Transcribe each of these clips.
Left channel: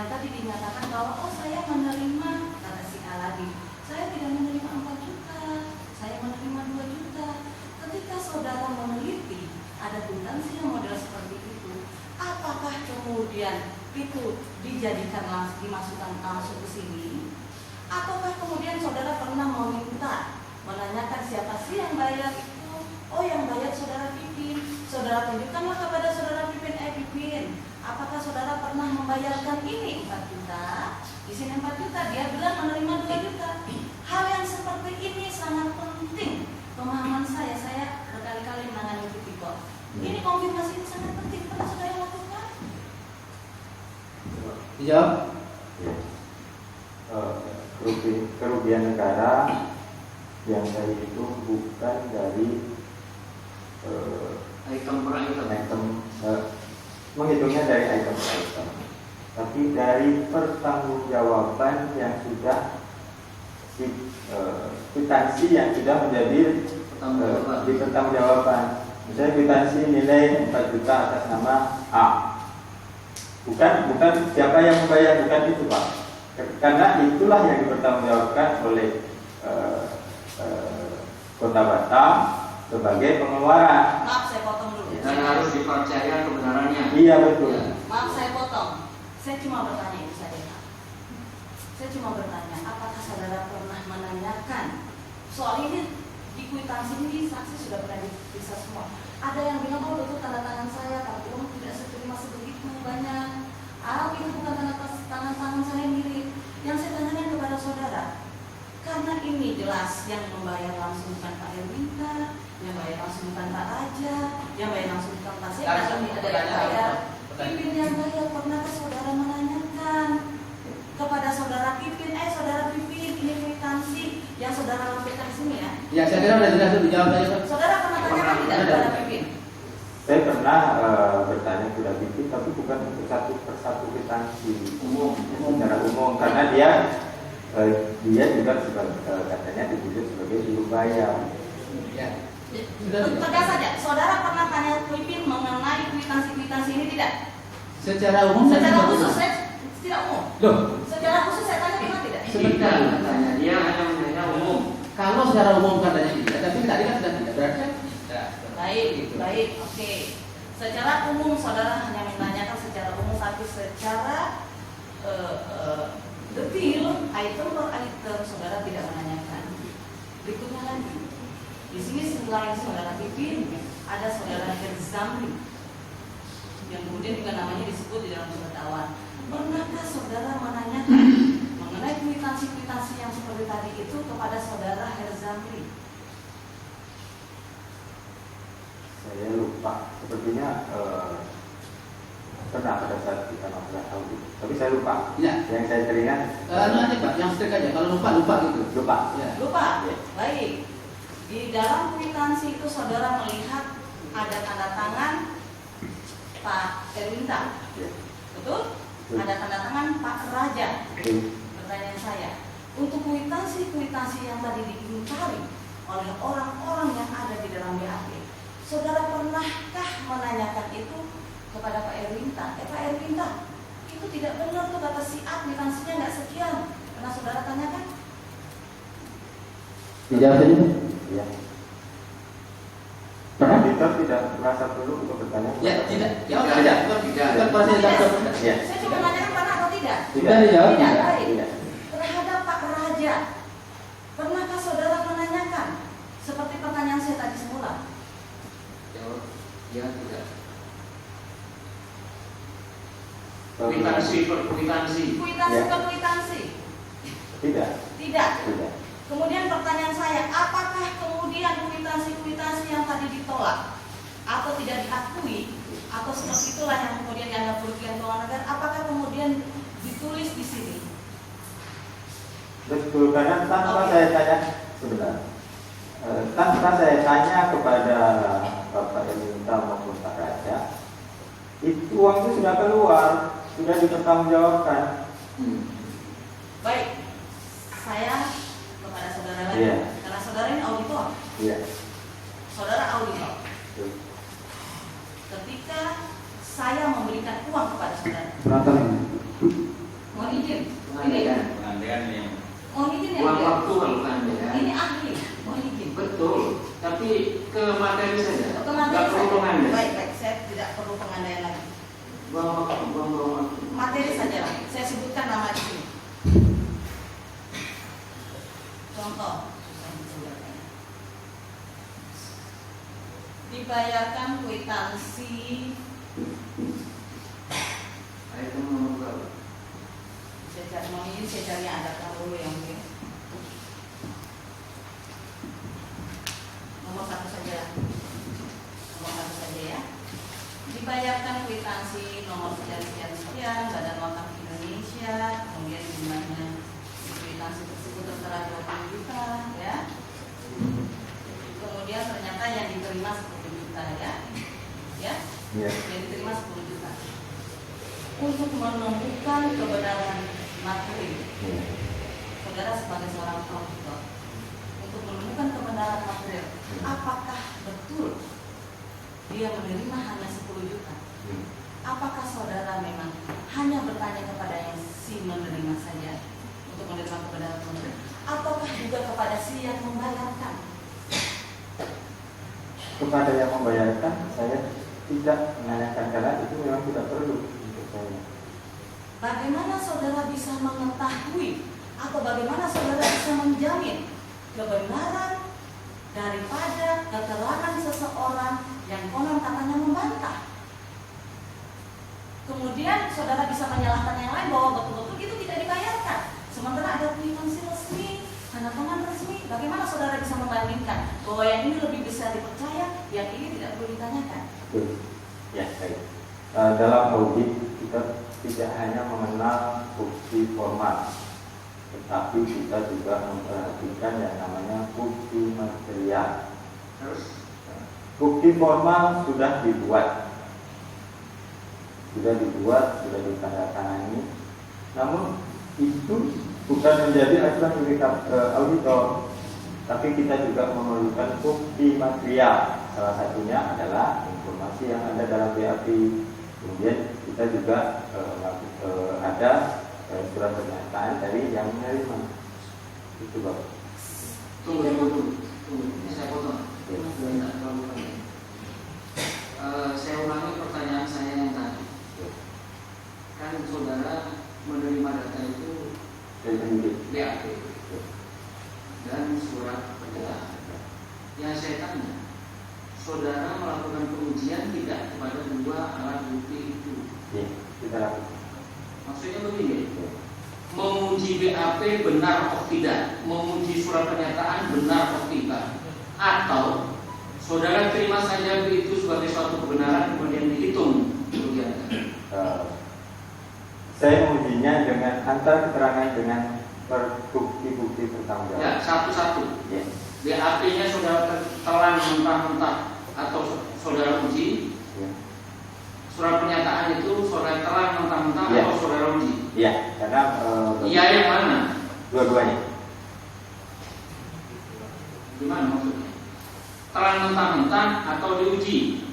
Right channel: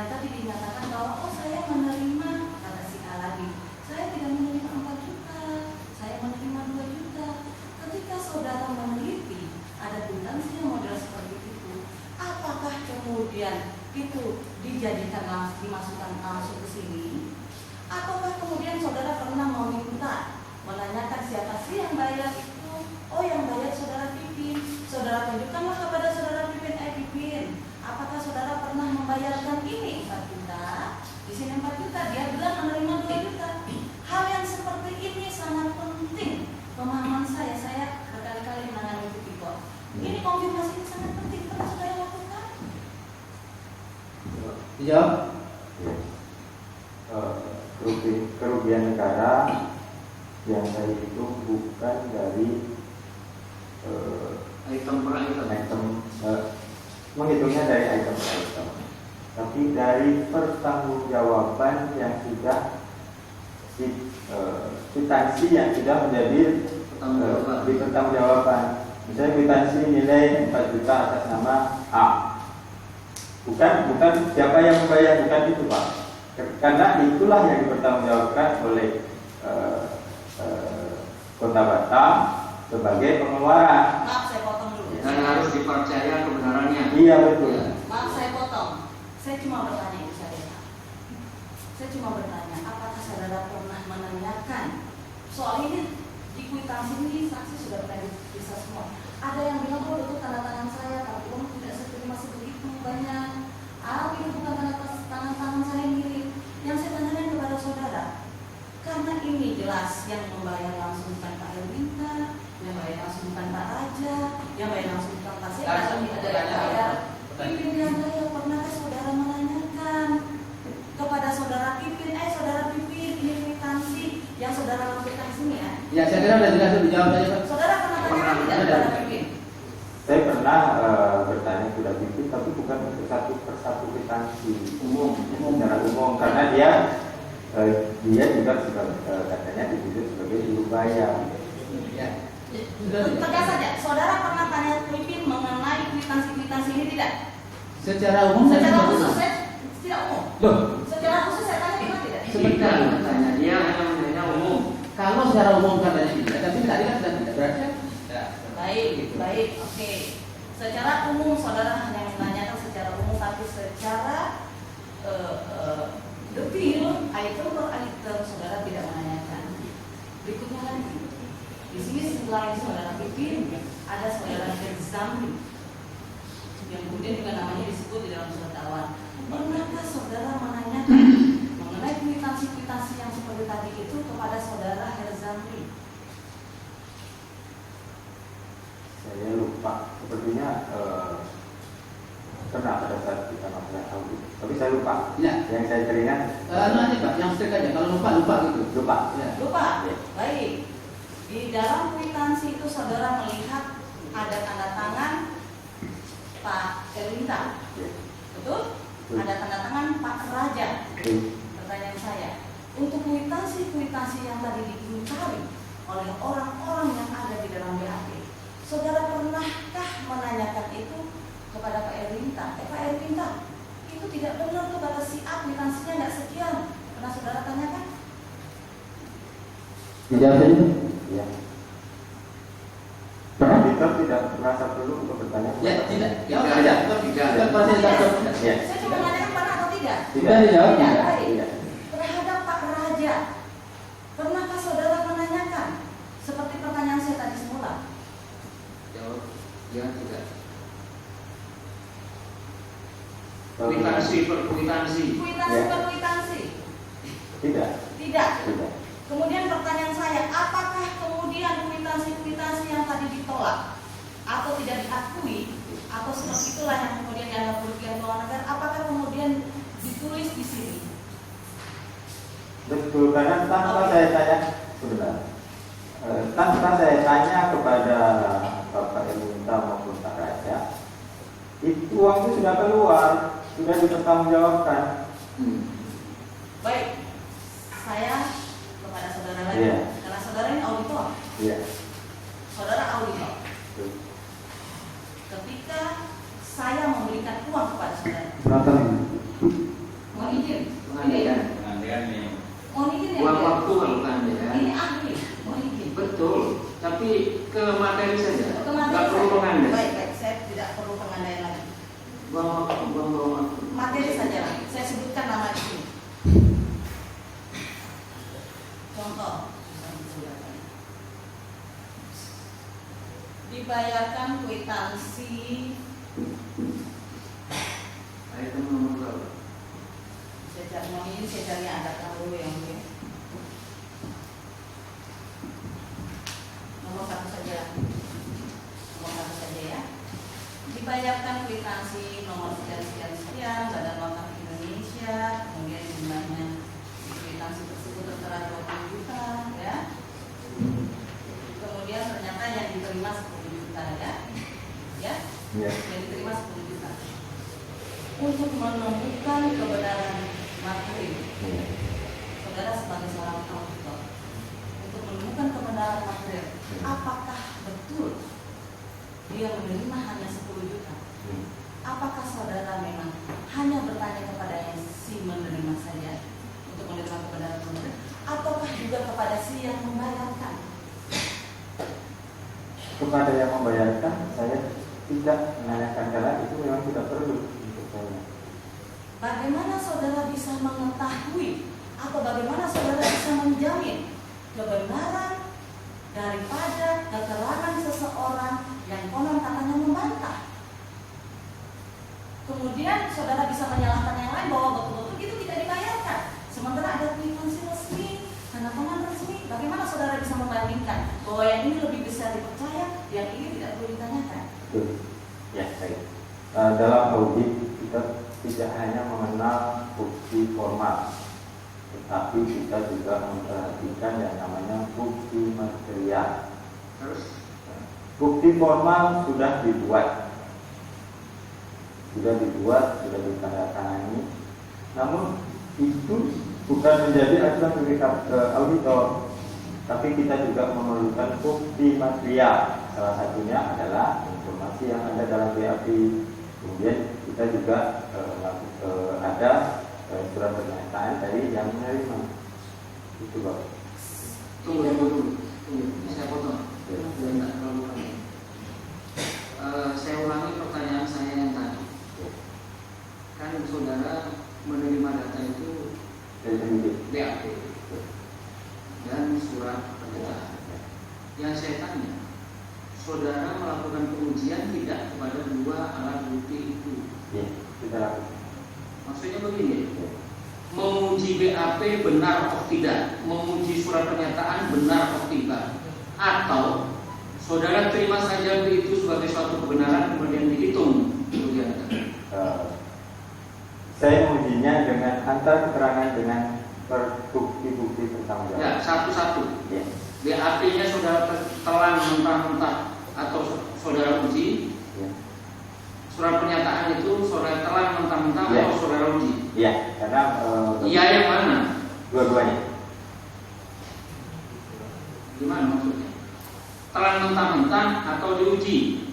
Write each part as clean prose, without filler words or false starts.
yang tadi dinyatakan bahwa oh saya menerima, kata si A lagi, saya tidak menerima 4 juta, saya menerima 2 juta. Ketika saudara meneliti ada kwitansi yang model seperti itu, apakah kemudian itu dijadikan dimasukkan langsung ke sini, ataukah kemudian saudara pernah meminta menanyakan siapa sih yang bayar itu? Oh, yang bayar saudara Pipin. Saudara tunjukkanlah kepada saudara Pipin, Pipin, apakah saudara pernah membayarkan ini 4 juta? Di sini 4 juta, dia bilang menerima 2 juta. Hal yang seperti ini sangat penting. Pemahaman saya berkali-kali menangani tipikor. Ini konfirmasi ini sangat penting. Pernah saudara lakukan? Dijawab. Kerugian negara yang saya itu bukan dari Item per item. Menghitungnya dari item per item, tapi dari pertanggungjawaban yang sudah kwitansi yang sudah menjadi dipertanggungjawaban. Misalnya kwitansi nilai 4 juta atas nama A. Bukan siapa yang membayar, bukan itu Pak. Karena itulah yang dipertanggungjawabkan oleh Kota Batam sebagai pengeluaran. Maaf, saya potong dulu. Dan harus dipercaya kebenarannya. Iya betul. Maaf, saya potong. Saya cuma bertanya itu saja. Saya cuma bertanya, apakah saudara pernah menanyakan soal ini di kwitansi ini saksi sudah pernah diperiksa semua. Ada yang bilang oh betul tanda tangan saya, tapi uang tidak seterima sebegitu banyak. Itu bukan tangan saya mirip. Yang saya tanyakan kepada saudara, karena ini jelas yang membayar langsung bukan Pak Erwinta, yang bayar langsung bukan Pak Raja, yang bayar langsung bukan Pak Seka, tapi ada yang bayar. Pipin yang bayar, pernahkah saudara menanyakan kepada saudara Pipin, saudara Pipin, ini kwitansi yang saudara lakukan di sini ya? Ya, saya kira sudah jelas dijawab tadi Pak. Saudara pernah tanyakan tidak kepada Pipin? Saya pernah bertanya kepada Pipin, tapi bukan untuk satu persatu kwitansi Umum. secara umum, karena dia juga katanya ditunjuk sebagai juru bayar. Ya. Tegas saja, saudara pernah tanya Pipin mengenai kwitansi ini tidak? Secara umum Secara khusus, saya tidak umum. Loh, Secara khusus saya tanya pernah tidak? sebentar tanya dia hanya menanya umum. Kalau secara umum katanya tidak, tapi tadi kan sudah tidak berarti tidak. Baik, oke. Secara umum saudara hanya menanyakan secara umum, tapi secara detail item per item saudara tidak menanyakan. Berikutnya lagi, di sini selain saudara Pipin ada saudara Herzamli yang kemudian juga namanya disebut di dalam surat dakwaan. Pernahkah saudara menanyakan mengenai kwitansi yang seperti tadi itu kepada saudara Herzamli? Saya lupa, sepertinya pernah pada saat kita masalah audit, tapi saya lupa. Ya. Yang saya teringat Nanti Pak, yang strike aja. Kalau lupa gitu. lupa. Ya. Lupa? Ya. Baik. Di dalam kwitansi itu saudara melihat ada tanda tangan Pak Erwinta. Ya. Betul? Ada tanda tangan Pak Raja. Pertanyaan saya, untuk kwitansi yang tadi diingkari oleh orang-orang yang ada di dalam BAP, saudara pernahkah menanyakan itu kepada Pak Erwinta? Pak Erwinta, itu tidak benar tuh kata si A, kwitansinya nggak sekian. Pernah saudara tanyakan? Dijawab tadi Pak? Ya. Auditor tidak merasa perlu untuk bertanya. Ya, tidak. Jawab Tidak. saja. Tidak. Bukan proses jawab. Ya. Saya cuma menanyakan pernah atau tidak? Tidak dijawab. Tidak. Tidak. Baik. Tidak. Terhadap Pak Raja, pernahkah saudara menanyakan seperti pertanyaan saya tadi semula? Jawab, ya tidak. Kwitansi. Kwitansi. Kwitansi Ya. ke kwitansi? Tidak. Tidak. Tidak. Kemudian pertanyaan saya, apakah kemudian kwitansi yang tadi ditolak atau tidak diakui atau seperti itulah yang kemudian dianggap kerugian keuangan negara, apakah kemudian ditulis di sini? Betul, karena tanpa saya tanya sebentar, tanpa saya tanya kepada Bapak Erwinta maupun Pak Raja, itu uang itu sudah keluar, sudah dipertanggungjawabkan. Baik, saya kepada saudara lagi, Iya. karena saudara ini auditor, Iya. saudara auditor. Betul. Ketika saya memberikan uang kepada saudara, ke materi saja. Ke materi Nggak perlu saja. pengandaian. Baik, saya tidak perlu pengandaian lagi. Buang. Materi saja. Saya sebutkan nama di sini. Contoh. Dibayarkan kwitansi Item nomor berapa? saya cari yang ada dulu yang mungkin. Nomor satu saja. Nomor satu saja ya. Dibayarkan kwitansi nomor sekian Badan Wakaf Indonesia, kemudian jumlahnya di kwitansi tersebut tertera 20 juta ya. Kemudian ternyata yang diterima 10 juta ya. Ya. Iya. Yang diterima 10 juta. Untuk menemukan kebenaran materi, saudara sebagai seorang auditor, untuk menemukan kebenaran material, apakah betul dia menerima hanya 10 juta? Apakah saudara memang hanya bertanya kepada yang si menerima saja untuk menerima kebenaran material, ataukah juga kepada si yang membayarkan? Kepada yang membayarkan saya tidak menanyakan karena itu memang tidak perlu untuk saya. Bagaimana saudara bisa mengetahui atau bagaimana saudara bisa menjamin kebenaran daripada keterangan seseorang yang konon katanya membantah? Kemudian saudara bisa menyalahkan yang lain bahwa betul-betul itu tidak dibayarkan, sementara ada kwitansi resmi, tanda tangan resmi. Bagaimana saudara bisa membandingkan bahwa yang ini lebih bisa dipercaya, yang ini tidak perlu ditanyakan? Betul. Ya, baik. Dalam audit kita tidak hanya mengenal bukti formal, tetapi kita juga memperhatikan yang namanya bukti material. Terus Bukti formal sudah dibuat, sudah ditandatangani, namun itu bukan menjadi acuan bagi auditor, tapi kita juga memerlukan bukti material. Salah satunya adalah informasi yang ada dalam BAP. Kemudian kita juga ada surat pernyataan dari yang menerima. Itu Bapak. Tunggu. Ini saya potong. Tidak terlalu panjang. Saya ulangi pertanyaan saya yang tadi. Kan saudara menerima data itu BAP dan surat pernyataan. Yang saya tanya, saudara melakukan pengujian tidak kepada dua alat bukti itu? Ya, kita lakukan. Maksudnya begini, menguji BAP benar atau tidak, menguji surat pernyataan benar atau tidak, atau saudara terima saja itu sebagai suatu kebenaran kemudian dihitung kerugian. Saya mengujinya dengan antar keterangan dengan bukti-bukti pertanggungjawab. Ya, satu-satu. Ya. BAP-nya saudara telan mentah-mentah atau saudara uji. Ya. Surat pernyataan itu saudara telan mentah-mentah Ya. atau saudara uji. Iya, karena Iya yang mana? dua-duanya. Gimana maksudnya? Telan mentah-mentah atau diuji?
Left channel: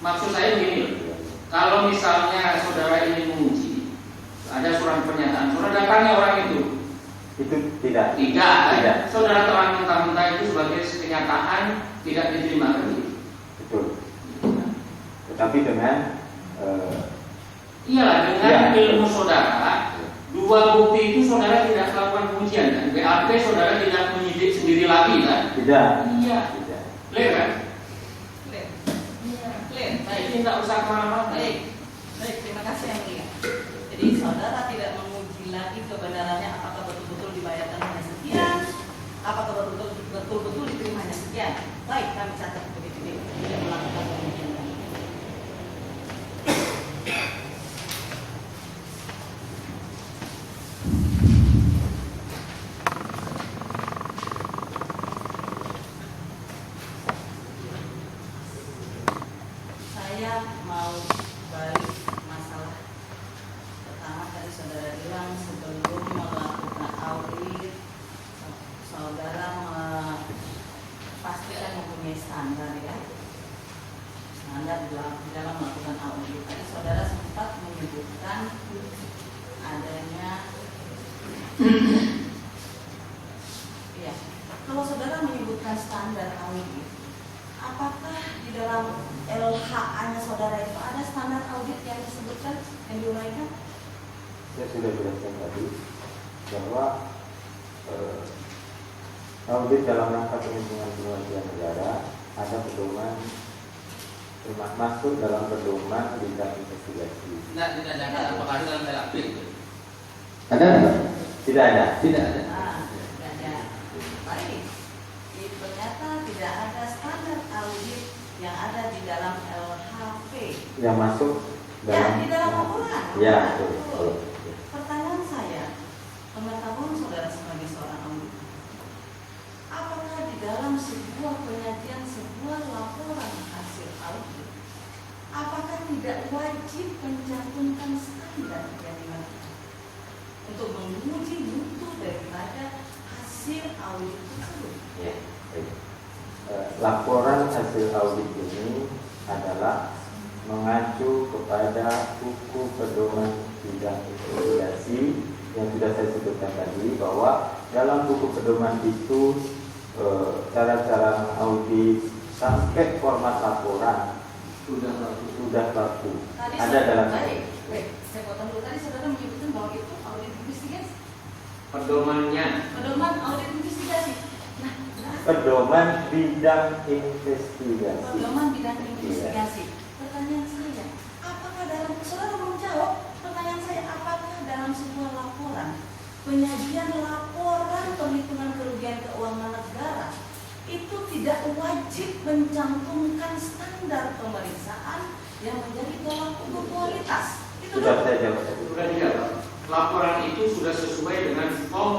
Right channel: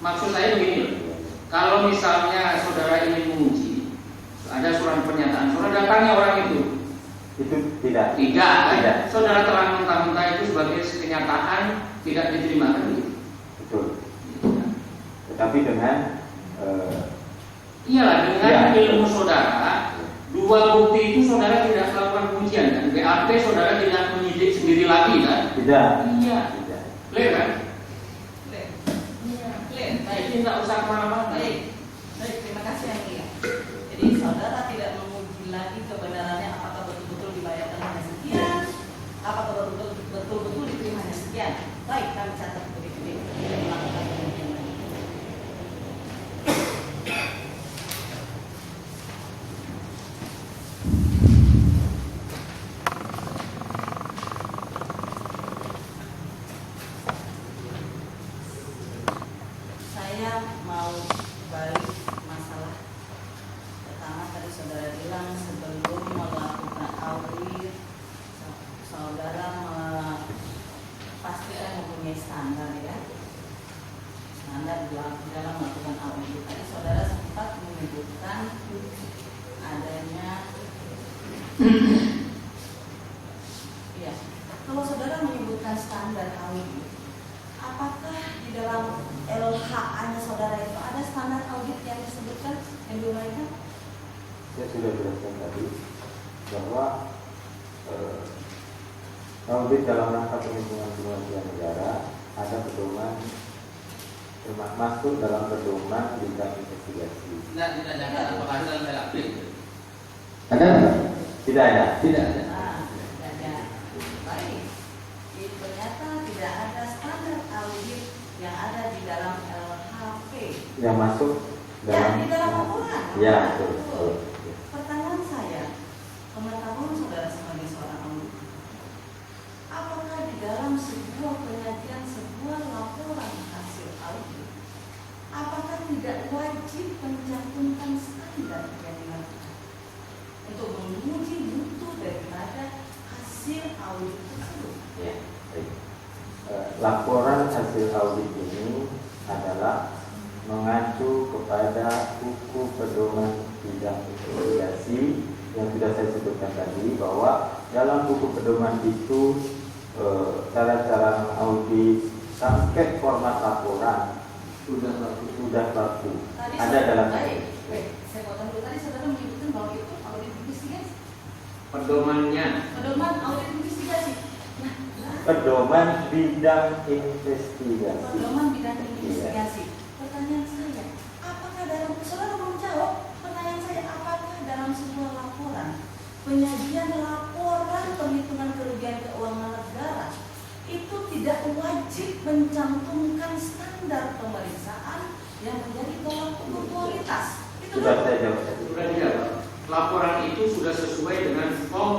Maksud saya begini, kalau misalnya saudara ini menguji, ada surat pernyataan, saudara datangi orang itu. Itu tidak. Tidak, Tidak. saudara telan mentah-mentah itu sebagai kenyataan tidak diterima kan gitu. Betul. Tetapi dengan Iyalah dengan Ya. ilmu saudara, dua bukti itu saudara tidak melakukan pengujian kan? BAP saudara tidak menyidik sendiri lagi kan? tidak. Iya, Tidak. clear kan? Clear. Clear. Baik. Baik, tidak usah kemana-mana. Baik, terima kasih yang mulia. Jadi saudara tidak menguji lagi kebenarannya apakah betul-betul dibayarkan hanya sekian, apakah betul-betul diterima hanya sekian. Baik, kami catat begitu deh. Tidak melakukan pengujian lagi. Saya mau balik masalah pertama tadi saudara bilang sebelum melakukan audit saudara pastikan mempunyai standar ya, standar dalam melakukan audit. Tadi saudara sempat menyebutkan adanya iya, kalau saudara menyebutkan standar audit saya sudah jelaskan tadi bahwa audit dalam rangka perlindungan kerugian negara ada pedoman masuk dalam pedoman bidang investigasi. Tidak jangan apakah ada dalam LAP? Ada nggak? Tidak ada. Tidak ada. Tidak ada. Baik. Ternyata tidak ada standar audit yang ada di dalam LHP. Yang masuk Ya, dalam di dalam laporan. Ya, Betul. betul. Pertanyaan saya, pengetahuan saudara sebagai seorang auditor, apakah di dalam sebuah penyajian sebuah laporan hasil audit, apakah tidak wajib mencantumkan standar yang dilakukan untuk menguji mutu daripada hasil audit tersebut? Ya, baik. Laporan hasil audit ini adalah mengacu kepada buku pedoman bidang investigasi yang sudah saya sebutkan tadi, bahwa dalam buku pedoman itu cara-cara audit sampai format laporan sudah baku Tadi ada dalam baik, saya potong dulu. Tadi saudara menyebutkan bahwa itu audit investigasi, Pedomannya. pedoman audit investigasi. Nah, pedoman bidang investigasi. pedoman bidang investigasi. Pertanyaan saya, apakah dalam saudara belum jawab pertanyaan saya, apakah dalam sebuah laporan penyajian laporan perhitungan kerugian keuangan negara itu tidak wajib mencantumkan standar pemeriksaan yang menjadi tolak ukur kualitas? Itu Sudah saya jawab. Sudah dijawab. Laporan itu sudah sesuai dengan form